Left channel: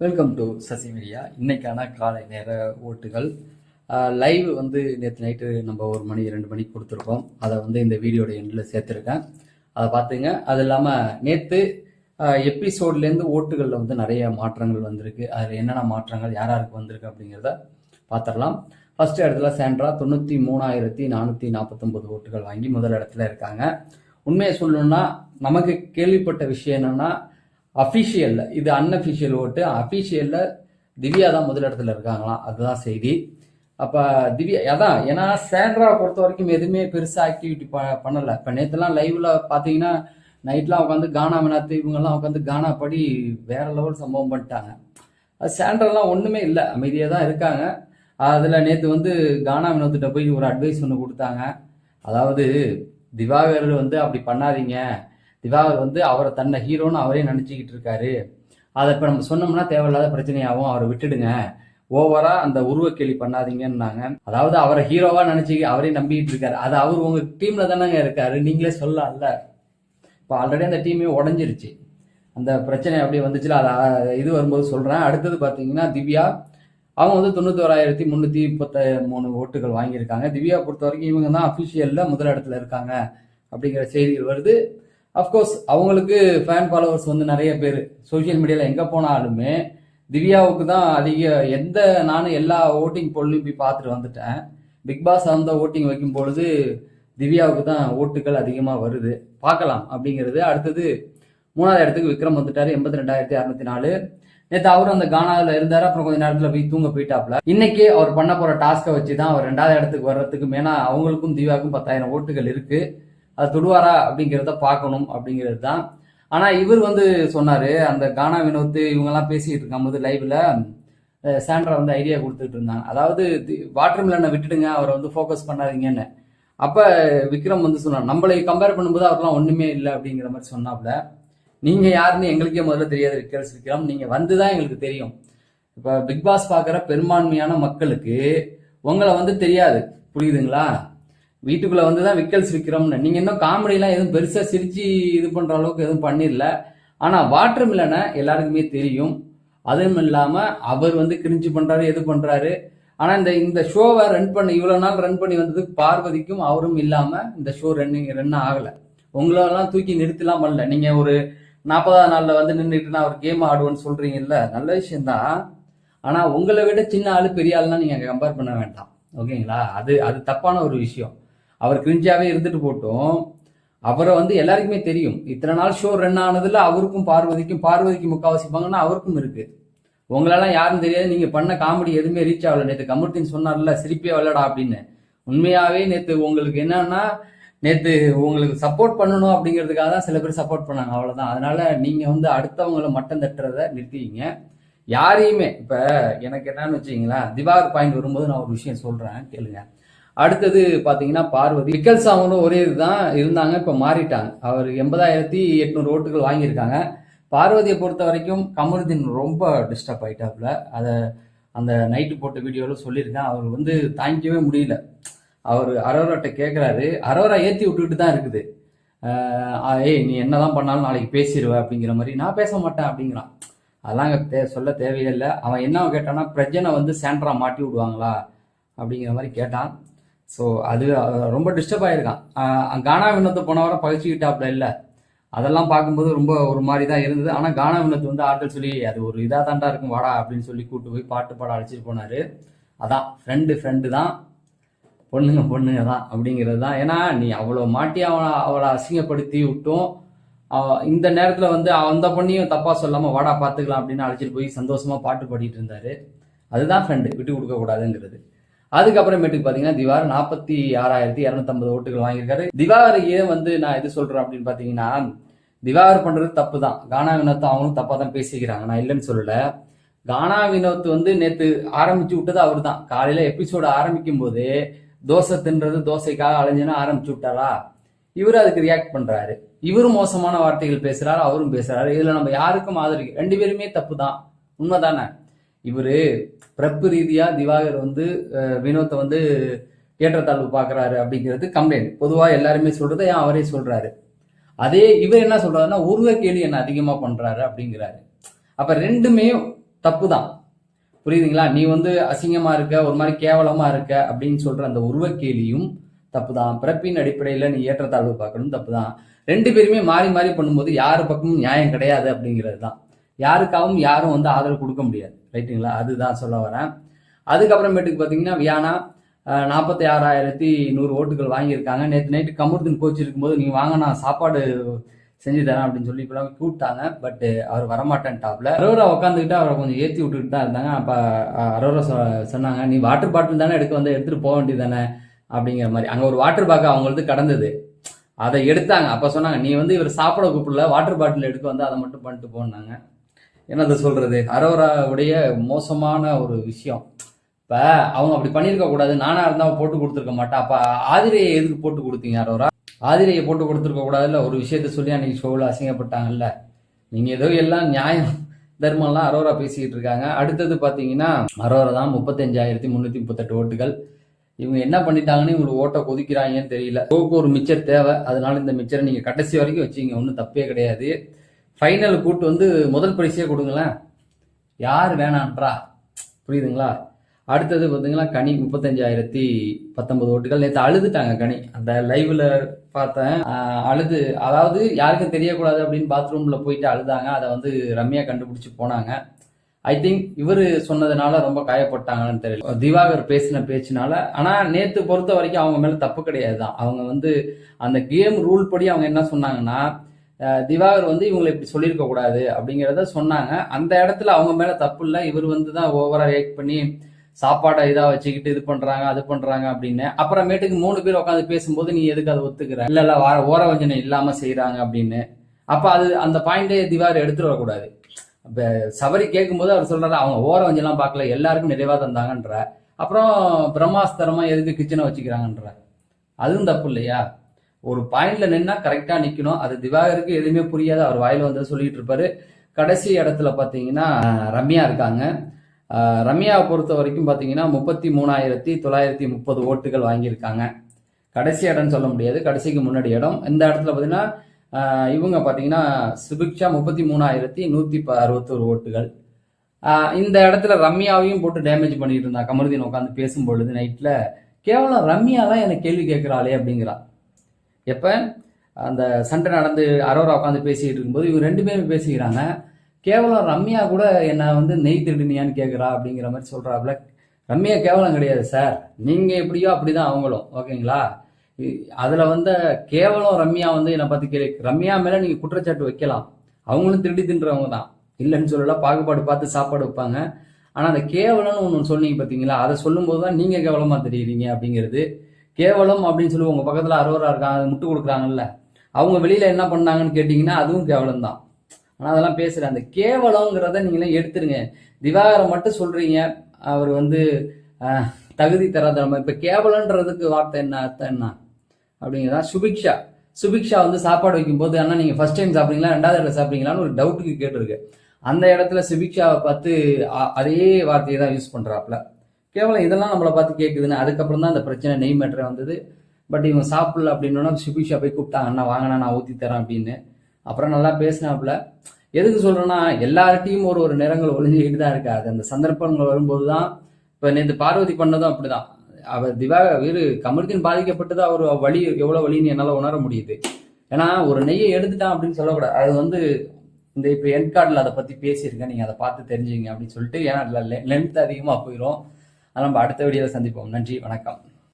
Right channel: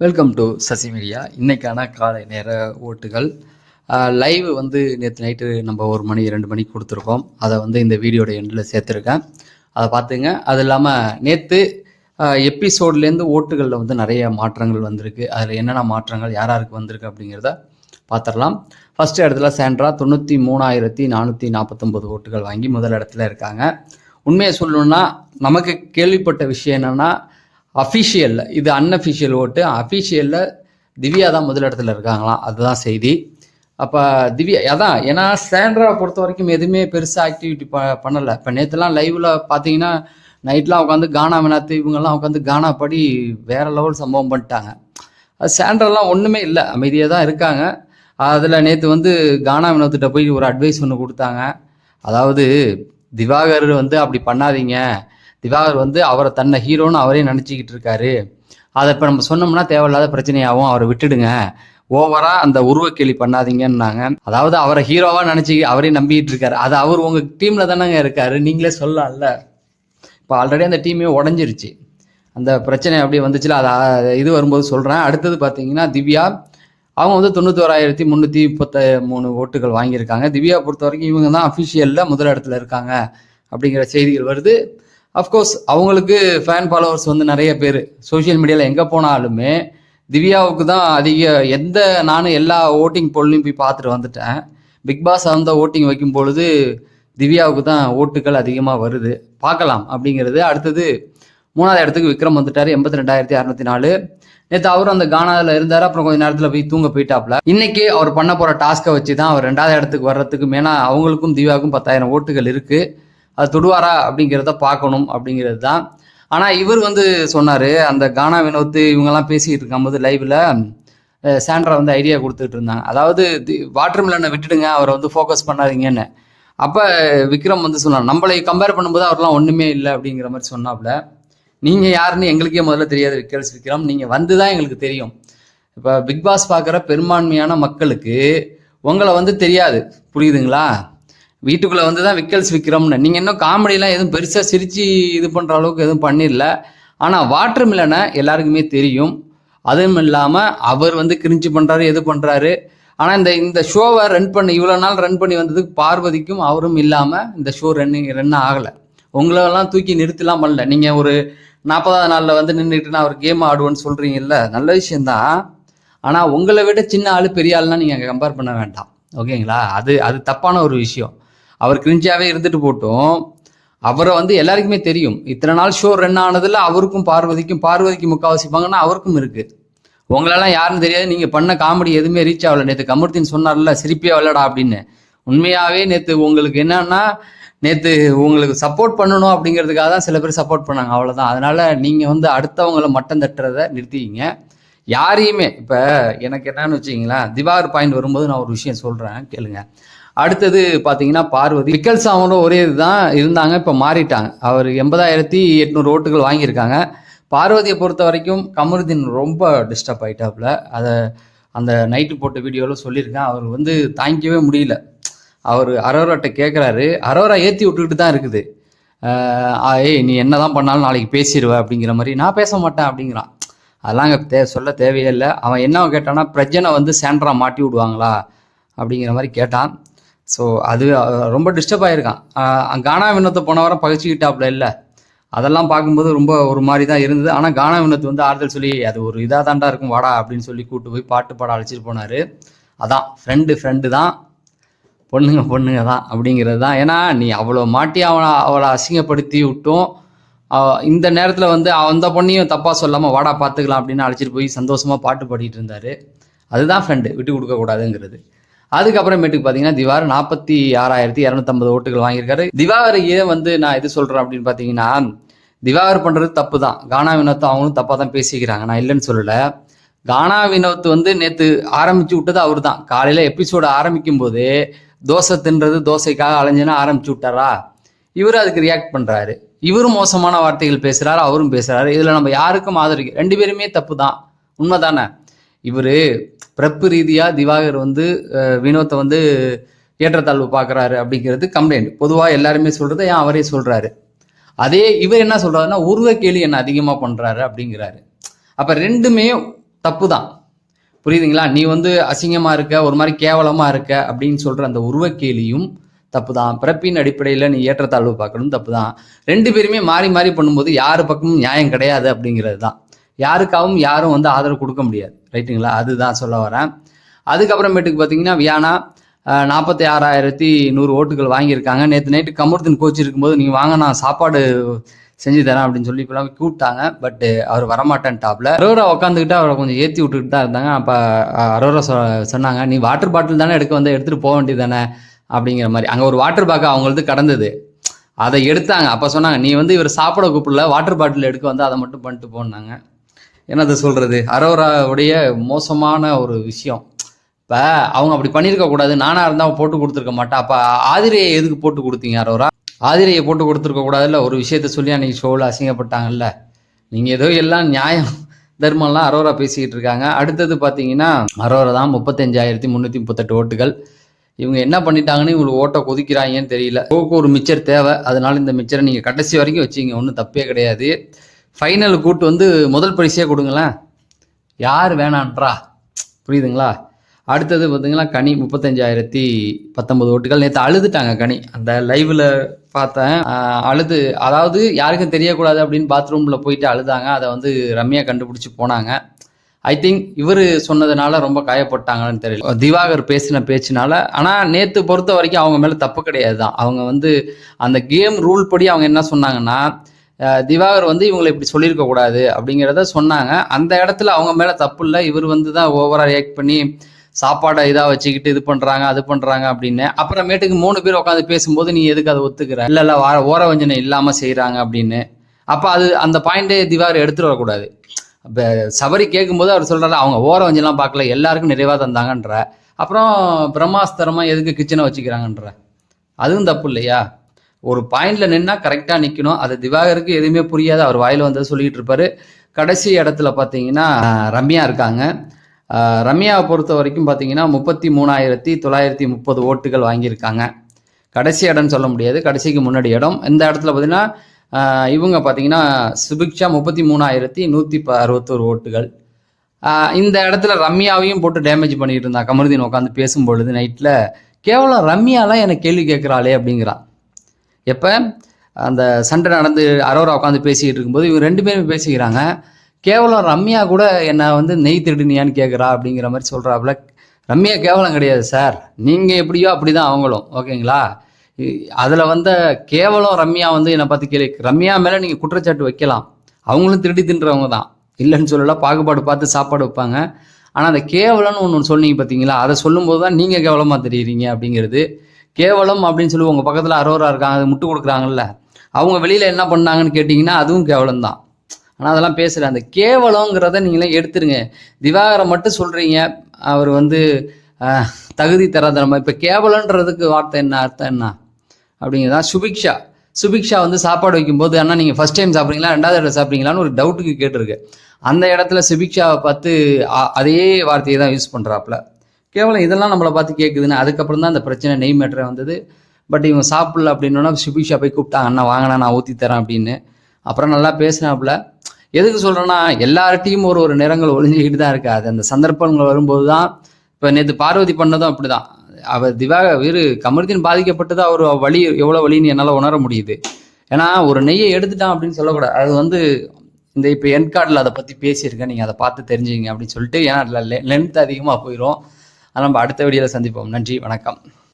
Welcome to Sasi media. இன்னைக்கான காலை நேர ஓட்டுகள் லைவ் வந்து நேற்று நைட்டு நம்ம 1 மணி 2 மணிக்கு கொடுத்துருக்கோம். அதை வந்து இந்த வீடியோட எண்டில் சேர்த்துருக்கேன், அதை பார்த்துங்க. அது இல்லாமல் நேற்று எபிசோட்லேருந்து ஓட்டுகளில் வந்து நிறைய மாற்றங்கள் வந்திருக்கு. அதில் என்னென்ன மாற்றங்கள் யாராருக்கு வந்திருக்கு அப்படிங்கிறத பார்த்துடலாம். ஃபஸ்ட்டு இடத்துல சாண்ட்ரா 93,449 ஓட்டுகள் வாங்கி முதல் இடத்துல இருக்காங்க. உண்மையை சொல்லணுன்னா நமக்கு கேள்விப்பட்ட விஷயம் என்னென்னா அஃபிஷியலில், இது அன்அஃபிஷியல் ஓட்டு, அஃபிஷியலில் திவ்யா தான் முதல் இடத்துல இருக்காங்களாம். அதுதான் செய்தி. அப்போ திவ்யா அதான், ஏன்னா சாண்ட்ராவை பொறுத்த வரைக்கும் எதுவுமே பெருசாக ஆக்டிவிட்டி பண்ணலை. இப்போ நேற்றுலாம் லைவில் பார்த்தீங்கன்னா நைட்லாம் உட்காந்து கானா வினாத்து இவங்கெல்லாம் உட்காந்து கானா படி வேறு லெவல் சம்பவம் பண்ணிட்டாங்க. அது சாண்ட்ராலாம் ஒன்றுமே இல்லை, அமைதியாக தான் இருக்காங்க. அதில் நேற்று வந்து கானா வினோத்திட்ட போய் ஒரு அட்வைஸ் ஒன்று கொடுத்தாங்க. அதாவது திவாகர் வந்து அப்படி பண்ணாதீங்க, திவாகர் வந்து அவரை தன்னை ஹீரோன்னு அவரே நினச்சிக்கிட்டு இருக்காரு, அதை இப்போ நம்ம சொன்னோம்னா தேவையில்லாத பிரச்சனையாகவும், அவரை விட்டுடுங்க, ஓவராக அந்த உருவக்கேலி பண்ணாதீங்கன்னாங்க. அதாவது அவரை ஹீரோவாக நினச்சி அவரே நம்பிக்கிட்டு இருக்காரு. அது அவர் உங்கள் டீமில் தானேங்க இருக்காரு, நீங்களே சொல்லலாம்ல. இப்போ ஆல்ரெடி அந்த டீமே உடஞ்சிருச்சு, அந்த பிரச்சனை அப்படி வந்துச்சுல. அதை இது வரும்போது சொல்கிறேன். அடுத்தது பார்த்தீங்கன்னா திவ்யா, அவங்க வந்து 91,333 ஓட்டுகள் வாங்கியிருக்காங்க. திவ்யா பொறுத்த வரைக்கும் இவங்க தான் அஃபிஷியலில் முதல் இடத்துல இருக்காங்க அப்படிங்கிற செய்திகள் வருது. அஃப்கோர்ஸ் அவங்களுக்கு ஃபேன் ஃபாலோவர்ஸ் வந்து நிறைய பேர் சோஷியல் மீடியாவில் எங்கே போனாலுமே திவ்யாவுக்கு தான் அதிக. நானும் எல்லா ஓட்டிங் போல்லையும் போய் பார்த்துட்டு வந்துட்டேன். பிக் பாஸ் அந்த ஓட்டிங் வைக்கும் பொழுது திவ்யாவுக்கு தான் ஓட்டுகள் அதிகமாக வருது. பார்க்கலாம் அப்படிங்கிறது. அடுத்தது 3ஆவது இடத்துக்கு விக்ரம் வந்துட்டார், 82,604. நேற்று அவரும் அந்த கானாவில் இருந்தார். அப்புறம் கொஞ்சம் நேரத்தில் போய் தூங்க போயிட்டாப்ல. இன்னைக்கு அவர் பண்ண போகிற டாஸ்க்கை வச்சு தான் அவர் 2ஆவது இடத்துக்கு வர்றதுக்கு, ஏன்னா அவங்களுக்கும் திவ்யாவுக்கும் 10,000 ஓட்டுகள் இருக்குது, அது தொடுவாரா அப்படிங்கிறத பார்க்கணும் அப்படிங்கிறது தான். ஆனால் இவர் வந்து சொன்னார், அந்த கானா வினோத் இவங்கெல்லாம் பேசிக்கிட்டு இருக்கும்போது லைவில் சாண்ட்ரா வந்து ஐடியா கொடுத்துட்டு இருந்தாங்க. அதாவது வாட்டர் மிலனை விட்டுடுங்க, அவரை வந்து ஃபோக்கஸ் பண்ணாதீங்கன்னு. அப்போ விக்ரம் வந்து சொன்னார், நம்மளை கம்பேர் பண்ணும்போது அவர்லாம் ஒன்றுமே இல்லை அப்படிங்கிற மாதிரி சொன்னாப்புல. நீங்கள் யாருன்னு எங்களுக்கே முதல்ல தெரியாது விக்ரம், நீங்கள் வந்து தான் எங்களுக்கு தெரியும். இப்போ பிக் பாஸ் பார்க்குற பெரும்பான்மையான மக்களுக்கு உங்களை வந்து தெரியாது, புரியுதுங்களா? வீட்டுக்குள்ளே வந்து தான் விக்ரம்னு. நீங்கள் இன்னும் காமெடியெலாம் எதுவும் பெருசாக சிரித்து இது பண்ணுற அளவுக்கு எதுவும் பண்ணிடல. ஆனால் வாட்டர் மிலனை எல்லாருக்குமே தெரியும். அதுவும் இல்லாமல் அவர் வந்து கிரிஞ்சு பண்ணுறாரு, எது பண்ணுறாரு. ஆனால் இந்த ஷோவை இவ்வளோ நாள் ரன் பண்ணி வந்ததுக்கு பார்வதிக்கும் அவரும் இல்லாமல் இந்த ஷோ ரன் ஆகலை. உங்களெல்லாம் தூக்கி நிறுத்திலாம் பண்ணல. நீங்கள் ஒரு 40ஆவது நாளில் வந்து நின்றுட்டு நான் ஒரு கேம் ஆடுவேன்னு சொல்கிறீங்கல்ல, நல்ல விஷயந்தான். ஆனால் உங்களை விட சின்ன ஆள் பெரிய ஆள்லாம் நீங்கள் கம்பேர் பண்ண வேண்டாம், ஓகேங்களா? அது தப்பான ஒரு விஷயம். அவர் கிரிஞ்சாவே இருந்துட்டு போட்டும், அவரை வந்து எல்லாருக்குமே தெரியும். இத்தனை நாள் ஷோ ரன் ஆனதில் அவருக்கும் பார்வதிக்கு முக்கால்வாசி பங்குன்னா அவருக்கும் இருக்குது. உங்களெல்லாம் யாருன்னு தெரியாது. நீங்கள் பண்ண காமெடி எதுவுமே ரீச் ஆகலை. நேற்று கமர்த்தின்னு சொன்னார்ல, சிரிப்பே வரலடா அப்படின்னு. உண்மையாகவே நேற்று உங்களுக்கு என்னன்னா, நேற்று உங்களுக்கு சப்போர்ட் பண்ணணும் அப்படிங்கிறதுக்காக தான் சில பேர் சப்போர்ட் பண்ணாங்க, அவ்வளோதான். அதனால் நீங்கள் வந்து அடுத்தவங்களை மட்டம் தட்டுறதை நிறுத்திக்கிங்க. யாரையுமே இப்போ எனக்கு என்னன்னு வச்சிங்களேன், திவாகர் பாயிண்ட் வரும்போது நான் ஒரு விஷயம் சொல்கிறேன், கேளுங்க. அடுத்தது பார்த்தீங்கன்னா பார்வதி, விக்கல் சாமனும் ஒரே இதுதான் இருந்தாங்க, இப்போ மாறிட்டாங்க. அவர் 80,800 ஓட்டுகள் வாங்கியிருக்காங்க. பார்வதியை பொறுத்த வரைக்கும் கமருதீன் ரொம்ப டிஸ்டர்ப் ஆகிட்டாப்புல. அதை அந்த நைட்டு போட்ட வீடியோவில் சொல்லியிருக்கேன். அவர் வந்து தாங்கிக்கவே முடியல. அவர் அரோராட்ட கேட்குறாரு, அரோரா ஏற்றி விட்டுக்கிட்டு தான் இருக்குது. ஏய் நீ என்ன தான் பண்ணாலும் நாளைக்கு பேசிடுவ அப்படிங்கிற மாதிரி. நான் பேச மாட்டேன் அப்படிங்கிறான். அதெல்லாம் அங்கே சொல்ல தேவையே இல்லை. அவன் என்ன கேட்டான்னா, பிரஜனை வந்து சாண்ட்ரா மாட்டி விடுவாங்களா அப்படிங்கிற மாதிரி கேட்டான். ஸோ அது ரொம்ப டிஸ்டர்ப் ஆகிருக்கான். கானா வினோத்தை போன வாரம் பகிச்சிக்கிட்டாப்புல இல்லை, அதெல்லாம் பார்க்கும்போது ரொம்ப ஒரு மாதிரி தான் இருந்தது. ஆனால் கானா வினோத் வந்து ஆறுதல் சொல்லி, அது ஒரு இதாக தாண்டா இருக்கும் வாடா அப்படின்னு சொல்லி கூப்பிட்டு போய் பாட்டு பாட அழைச்சிட்டு போனார். அதான் ஃப்ரெண்டு தான், பொண்ணுங்க தான் அப்படிங்கிறது தான். ஏன்னா நீ அவ்வளோ மாட்டி அவளை அசிங்கப்படுத்தி விட்டும், இந்த நேரத்தில் வந்து அந்த பொண்ணையும் தப்பாக சொல்லாமல் வாடா பார்த்துக்கலாம் அப்படின்னு அழைச்சிட்டு போய் சந்தோஷமாக பாட்டு பாடிட்டு இருந்தார். அதுதான் ஃப்ரெண்டு, விட்டு கொடுக்கக்கூடாதுங்கிறது. அதுக்கப்புறமேட்டுக்கு பார்த்தீங்கன்னா திவாகர் 46,250 ஓட்டுகள் வாங்கியிருக்காரு. திவாகர் ஏன் வந்து நான் இது சொல்கிறேன் அப்படின்னு பார்த்தீங்கன்னா, திவாகர் பண்ணுறது தப்பு தான். கானா வினோத் அவங்களும் தப்பாக தான் பேசிக்கிறாங்க, நான் இல்லைன்னு சொல்லலை. கானா வினோத் வந்து நேற்று ஆரம்பித்து விட்டது அவர் தான். காலையில் எபிசோடு ஆரம்பிக்கும் போது தோசை தின்றது, தோசைக்காக அலைஞ்சுன்னா ஆரம்பிச்சு விட்டாரா, இவர் அதுக்கு ரியாக்ட் பண்ணுறாரு. இவரும் மோசமான வார்த்தைகள் பேசுகிறாரு, அவரும் பேசுகிறாரு. இதில் நம்ம யாருக்கும் ஆதரிக்க, 2 பேருமே தப்பு தான், உண்மை தானே? இவர் பிறப்பு ரீதியாக திவாகர் வந்து வினோத்தை வந்து ஏற்றத்தாழ்வு பார்க்குறாரு அப்படிங்கிறது கம்ப்ளைண்ட். பொதுவாக எல்லாருமே சொல்கிறது, ஏன் அவரே சொல்கிறாரு. அதே இவர் என்ன சொல்கிறாருன்னா, உருவ கேலி என்ன அதிகமாக பண்ணுறாரு அப்படிங்கிறாரு. அப்போ ரெண்டுமே தப்பு தான். புரியுதுங்களா? நீ வந்து அசிங்கமா இருக்க, ஒரு மாதிரி கேவலமா இருக்க அப்படின்னு சொல்ற அந்த உருவக்கேலியும் தப்பு தான். பிறப்பின் அடிப்படையில் நீ ஏற்றத்தாழ்வு பார்க்கணும், தப்பு தான். 2 பேருமே மாறி மாறி பண்ணும்போது யாரு பக்கமும் நியாயம் கிடையாது அப்படிங்கிறது தான். யாருக்காகவும் யாரும் வந்து ஆதரவு கொடுக்க முடியாது. ரைட்டுங்களா? அதுதான் சொல்ல வரேன். அதுக்கப்புறமேட்டுக்கு பார்த்தீங்கன்னா வியானா 46,100 ஓட்டுகள் வாங்கியிருக்காங்க. நேற்று நைட்டு கமருதீன் கோச் இருக்கும்போது நீ வாங்க நான் சாப்பாடு செஞ்சு தரேன் அப்படின்னு சொல்லி இப்பெல்லாம் கூப்பிட்டாங்க. பட் அவர் வரமாட்டேன்டாப்ல. அரோரா உட்காந்துக்கிட்டு அவரை கொஞ்சம் ஏற்றி விட்டுக்கிட்டு தான் இருந்தாங்க. அப்போ அரோரா சொன்னாங்க, நீ வாட்டர் பாட்டில் தானே எடுத்துகிட்டு போக வேண்டியது தானே அப்படிங்கிற மாதிரி. அங்கே ஒரு வாட்டர் பேக் அவங்களது கடந்தது, அதை எடுத்தாங்க. அப்போ சொன்னாங்க, நீ வந்து இவர் சாப்பிட கூப்பிடல, வாட்டர் பாட்டில் எடுக்க வந்து அதை மட்டும் பண்ணிட்டு போனாங்க. என்னது சொல்கிறது, அரோராவுடைய மோசமான ஒரு விஷயம். இப்போ அவங்க அப்படி பண்ணியிருக்க கூடாது. நானாக இருந்தால் போட்டு கொடுத்துருக்க மாட்டேன். அப்போ ஆதிரையை எதுக்கு போட்டு கொடுத்தீங்க அரோரா? ஆதிரையை போட்டு கொடுத்துருக்க கூடாதுல்ல. ஒரு விஷயத்த சொல்லி அன்றைக்கி ஷோவில் அசிங்கப்பட்டாங்கல்ல. நீங்கள் ஏதோ எல்லாம் நியாயம் தர்மம்லாம் அரோரா பேசிக்கிட்டு இருக்காங்க. அடுத்தது பார்த்தீங்கன்னா அரோரா தான் 35,338 ஓட்டுகள். இவங்க என்ன பண்ணிட்டாங்கன்னு இவங்களுக்கு ஓட்டை கொதிக்கிறாங்கன்னு தெரியல. ஒரு மிச்சர் தேவை, அதனால இந்த மிச்சரை நீங்கள் கடைசி வரைக்கும் வச்சிங்க, ஒன்றும் தப்பே கிடையாது. ஃபைனல் கூட்டு வந்து முதல் பரிசே கொடுங்களேன், யார் வேணான்றா? புரியுதுங்களா? அடுத்தது பார்த்தீங்கன்னா கனி 35,019 ஓட்டுகள். நேற்று அழுதுட்டாங்க கனி, அந்த லைவில் பார்த்தேன். அழுது, அதாவது யாருக்கும் தெரியக்கூடாது அப்படின்னு பாத்ரூமில் போயிட்டு அழுதாங்க. அதை வந்து ரம்யா கண்டுபிடிச்சி போனாங்க. ஐ திங்க் இவர் சொன்னதுனால ரொம்ப காயப்பட்டாங்கன்னு தெரியல, திவாகர் பேசின பேச்சுனால. ஆனால் நேற்று பொறுத்த வரைக்கும் அவங்க மேலே தப்பு கிடையாது தான். அவங்க வந்து அந்த கேம் ரூல் படி அவங்க என்ன சொன்னாங்கன்னா, திவாகர் வந்து இவங்களை இப்படி சொல்லியிருக்க கூடாது அப்படிங்கிறத சொன்னாங்க. அந்த இடத்துல அவங்க மேலே தப்பு இல்லை. இவர் வந்து தான் ஓவராக ரியாக்ட் பண்ணி சாப்பாடை இதாக வச்சுக்கிட்டு இது பண்ணுறாங்க அது பண்ணுறாங்க அப்படின்னு. அப்புறமேட்டுக்கு 3 பேர் உட்காந்து பேசும்போது நீ எதுக்கு அதை ஒத்துக்கிற? இல்லை ஓரவஞ்சனை இல்லாமல் செய்கிறாங்க அப்படின்னு. அப்போ அது அந்த பாயிண்டே திவாகர் எடுத்துட்டு வரக்கூடாது. இப்போ சபரி கேட்கும்போது அவர் சொல்கிறாரு, அவங்க ஓரவஞ்செல்லாம் பார்க்கல, எல்லாருக்கும் நிறைவாக தந்தாங்கன்ற. அப்புறம் பிரம்மாஸ்திரமாக எதுக்கு கிச்சனை வச்சுக்கிறாங்கன்ற, அதுவும் தப்பு இல்லையா? ஒரு பாயிண்ட்ல நின்னா கரெக்டாக நிற்கணும். அது திவாகருக்கு எதுவுமே புரியாது, அவர் வாயில் வந்து சொல்லிட்டு இருப்பாரு. கடைசி இடத்துல பார்த்தீங்கன்னா ரம்யா இருக்காங்க. ரம்யாவை பொறுத்த வரைக்கும் பார்த்தீங்கன்னா 33,930 ஓட்டுகள் வாங்கியிருக்காங்க. கடைசி இடம்னு சொல்ல முடியாது, கடைசிக்கு முன்னாடி இடம். இந்த இடத்துல பார்த்தீங்கன்னா இவங்க பார்த்தீங்கன்னா சுபிக்ஷா 33,161 ஓட்டுகள். இந்த இடத்துல ரம்யாவையும் போட்டு டேமேஜ் பண்ணிட்டு இருந்தா கமருதீன் உட்காந்து பேசும்பொழுது நைட்டில். கேவலம் ரம்யாலாம் எனக்கு கேள்வி கேட்குறாளே அப்படிங்கிறான். எப்போ அந்த சண்டை நடந்து அரோரா உட்காந்து பேசிக்கிட்டு இருக்கும்போது இவங்க 2 பேரும் பேசிக்கிறாங்க. கேவலம் ரம்யா கூட என்னை வந்து நெய் திருடுனியான்னு கேட்குறா அப்படிங்கிற மாதிரி சொல்கிறாப்புல. ரம்யா கேவலம் கிடையாது சார், நீங்கள் எப்படியோ அப்படி தான் அவங்களும், ஓகேங்களா? அதில் வந்து கேவலம் ரம்யா வந்து என்னை பார்த்து கேள்வி, ரம்யா மேலே நீங்கள் குற்றச்சாட்டு வைக்கலாம், அவங்களும் திருடி தின்றவங்க தான், இல்லைன்னு சொல்லலாம். பாகுபாடு பார்த்து சாப்பாடு வைப்பாங்க. ஆனால் அந்த கேவலம்னு ஒன்று சொன்னீங்க பார்த்தீங்களா, அதை சொல்லும்போது தான் நீங்கள் கேவலமாக தெரியுறீங்க அப்படிங்கிறது. கேவலம் அப்படின்னு சொல்லி உங்கள் பக்கத்தில் அரோரா இருக்காங்க, அது முட்டு கொடுக்குறாங்கல்ல, அவங்க வெளியில் என்ன பண்ணாங்கன்னு கேட்டிங்கன்னா அதுவும் கேவலம் தான். ஆனால் அதெல்லாம் பேசுகிறேன், அந்த கேவலங்கிறத நீங்களே எடுத்துருங்க. திவாகரை மட்டும் சொல்கிறீங்க, அவர் வந்து தகுதி தராத நம்ம. இப்போ கேவலன்றதுக்கு வார்த்தை என்ன, அர்த்தம் என்ன அப்படிங்கிறதா. சுபிக்ஷா வந்து சாப்பாடு வைக்கும்போது, அண்ணா நீங்கள் ஃபஸ்ட் டைம் சாப்பிட்றீங்களா 2வது தடவை சாப்பிட்றீங்களான்னு ஒரு டவுட்டுக்கு கேட்டிருக்கு. அந்த இடத்துல சுபிக்ஷாவை பார்த்து அதே வார்த்தையை தான் யூஸ் பண்ணுறாப்புல. கேவலம் இதெல்லாம் நம்மளை பார்த்து கேட்குதுன்னு. அதுக்கப்புறம் தான் அந்த பிரச்சனை நெய் மேட்டரை வந்தது. பட் இவங்க சாப்பிடல அப்படின்னா சுபிக்ஷா போய் கூப்பிட்டாங்க, அண்ணா வாங்கினா நான் ஊற்றி தரேன் அப்படின்னு. அப்புறம் நல்லா பேசினாப்புல. எதுக்கு சொல்கிறேன்னா, எல்லார்ட்டையும் ஒரு நிறங்கள் ஒளிஞ்சிக்கிட்டு தான் இருக்காது. அந்த சந்தர்ப்பங்கள் வரும்போது தான். இப்போ நேற்று பார்வதி பண்ணதும் அப்படி தான். அவர் கமருதீன் பாதிக்கப்பட்டது, அவர் வலி எவ்வளோ வலின்னு என்னால் உணர முடியுது. ஏன்னா ஒரு நெய்யை எடுத்துட்டான் அப்படின்னு சொல்லக்கூடாது. அது வந்து இந்த இப்போ என் கார்டில் அதை பற்றி பேசியிருக்கேன், நீங்கள் அதை பார்த்து தெரிஞ்சுங்க அப்படின்னு சொல்லிட்டு. ஏன்னா லென்த் அதிகமாக போயிடும். அதை நம்ம அடுத்த வீடியோவில் சந்திப்போம். நன்றி, வணக்கம்.